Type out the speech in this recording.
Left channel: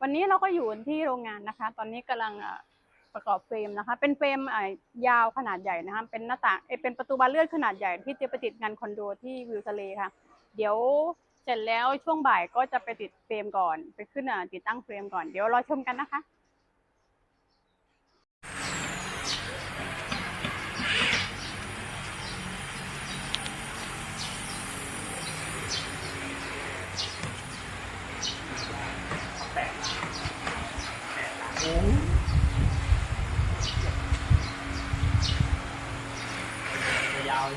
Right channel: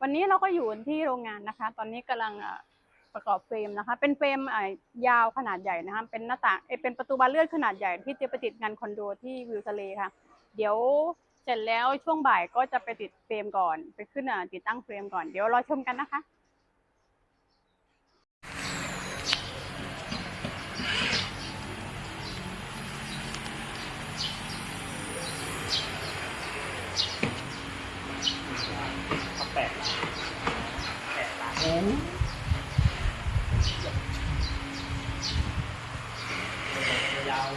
วันนี้เราก็อยู่ที่โรงงานนะคะ ตอนนี้กำลังประกอบเฟรมนะคะ เป็นเฟรมยาวขนาดใหญ่นะคะ เป็นหน้าต่างเป็นประตูบานเลื่อนขนาดใหญ่ที่จะไปติดงานคอนโดที่วิวทะเลค่ะ เดี๋ยวเสร็จแล้วช่วงบ่ายก็จะไปติดเฟรมก่อน ไปขึ้นติดตั้งเฟรมก่อน เดี๋ยวรอชมกันนะคะ ยาว